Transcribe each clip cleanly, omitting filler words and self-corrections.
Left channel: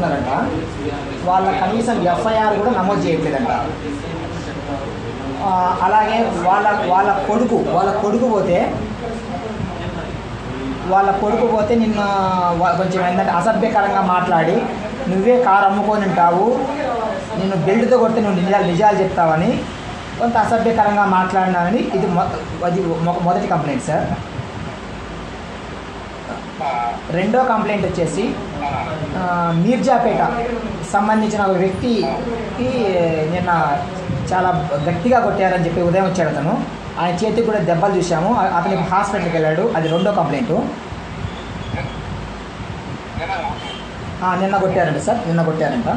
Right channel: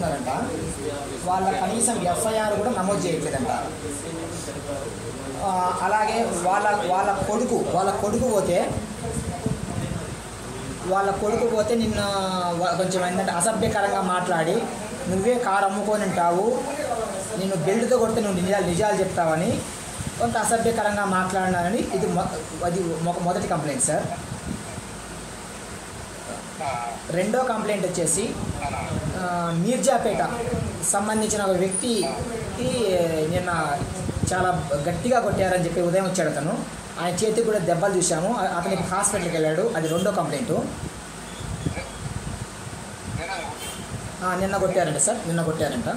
చెప్తున్నారంట. వాళ్ళ కనీసం ఎఫ్ఐఆర్ కూడా నమోదు చేయట్లేదంట. అలాగే వాళ్ళ కొడుకు పోతే నిన్న కొంచెం ఏంటంటే అసభ్యకరంగా మాట్లాడి నువ్వే కారు అమ్ముకొని ఉంటావు, నిన్ను బెల్ట్తో కొడితే నువ్వు నిజాలు చెప్తావని కొంత అసభ్యకరంగా మాట్లాడినారని ఇది మొదటి కంప్లైంట్ సార్. రెండో కంప్లైంట్ వచ్చేసి మీర్జాపేట సంబంధించిన ఒక వ్యక్తికి నిన్న చాలా గట్టిగా కొట్టారని చెప్పి ఉదయం వచ్చాడు అతను. ఆయన చేతికి కూడా దెబ్బలు చూసాము, అతనికి హాస్పిటల్కి వెళ్ళాడు. అది రెండో కంప్లైంట్. నిన్న కొట్టారంట సార్, నిన్న కొట్టారంట.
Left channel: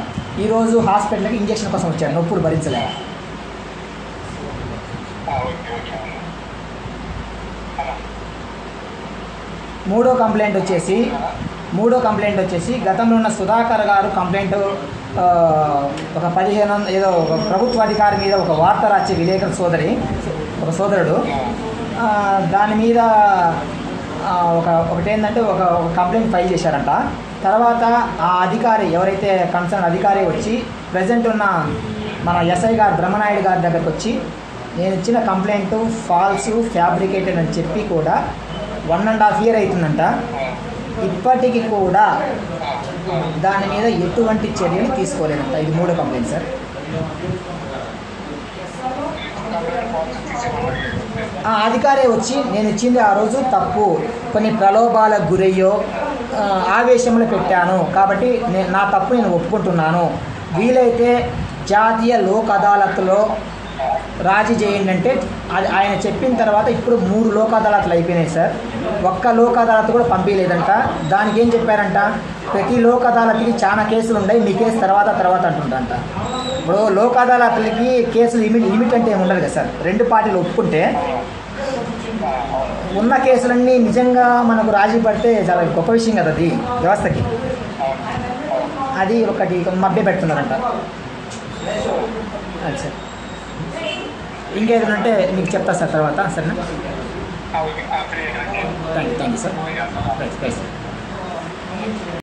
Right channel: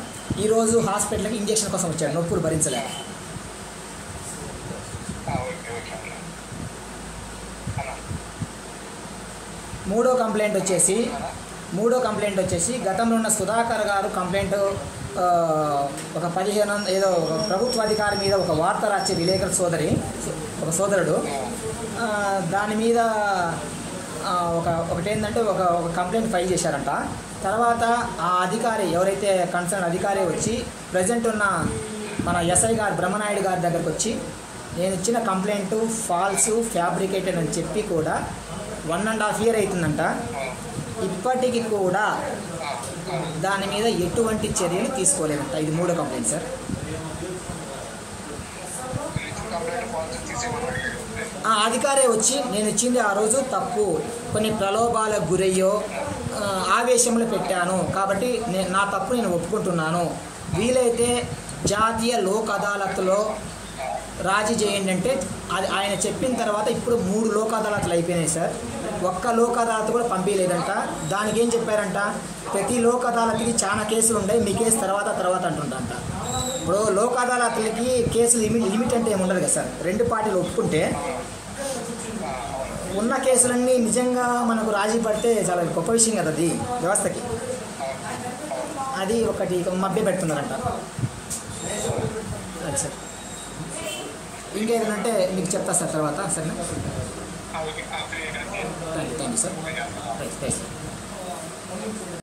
ఈరోజు హాస్పిటల్కి ఇంజక్షన్ కోసం వచ్చాడు, నొప్పులు భరించలేక. మూడో కంప్లైంట్ వచ్చేసి గతంలో ఉన్న సుధాకర్ గారు కంప్లైంట్ ఒక 15 ఏదో ప్రభుత్వ అధికారి మీద ఒక వార్త రాసే విలేకరు సోదరుడు దాని మీద ఒకటేంటంటే ఒక కంప్లైంట్ ఫైల్ చేశారంట. తర్వాత ఆ అధికారి ఎవరైతే కన్సర్న్ అధికారి వచ్చి ప్రజెంట్ ఉన్న మన ఎస్ఐ గారు బ్రహ్మనాయుడు గారి దగ్గరకు వచ్చి నేను ఇచ్చిన కంప్లైంట్ ఫాల్స్ ఫ్యాబ్రికేటెడ్ అని చెప్పి కూడా 1.5 year అవుతుందంట. ఇప్పటికీ కూడా దాని మీద ఎటువంటి చర్యలు తీసుకోలేదంట. ఇది మూడో కంప్లైంట్ సార్. అధికారే వచ్చి నేను ఇచ్చింది ఆ రోజు తప్పు, కొన్ని ప్రలోభాలకు గురయ్యో ఆవేశంలో పెట్టాను కాబట్టి నా తప్పు నేను ఒప్పుకుంటున్నాను, వీలైతే జాతీయ లోక్ అదాలత్లో రాజీ చేయండి అంటే అది ఆయన చెప్పిన తర్వాత ఇప్పుడు 3 లోక్ అదాలత్లు అయిపోయినాయి సార్. ఒక్క లోక్ అదాలత్ కూడా పంపించలేదంట. దానికి ఏం చెప్పారంట, ప్రతి లోక్ అదాలత్కి చాలా కేసులు ఉన్నాయి, మీ కేసు తర్వాత అంటుందంట. ఇప్పుడు లోక్ అదాలత్లకి కేసులు లిమిట్ అంటే ఏమి ఉండదు కదా సార్. 2 పార్టీలు ఒప్పుకుంటే ఉన్న కేసులన్నీ నిజంగా మనకు రాజీ పడితే చాలా గొప్ప విషయం కదా అది వ్యవస్థకి. అది ఒకటి మభ్య పెడుతున్నారంట. అది సార్. ఇంకేదైనా అంటే మీకు చెప్తా సార్ తర్వాత. సరేనా? Thank you sir.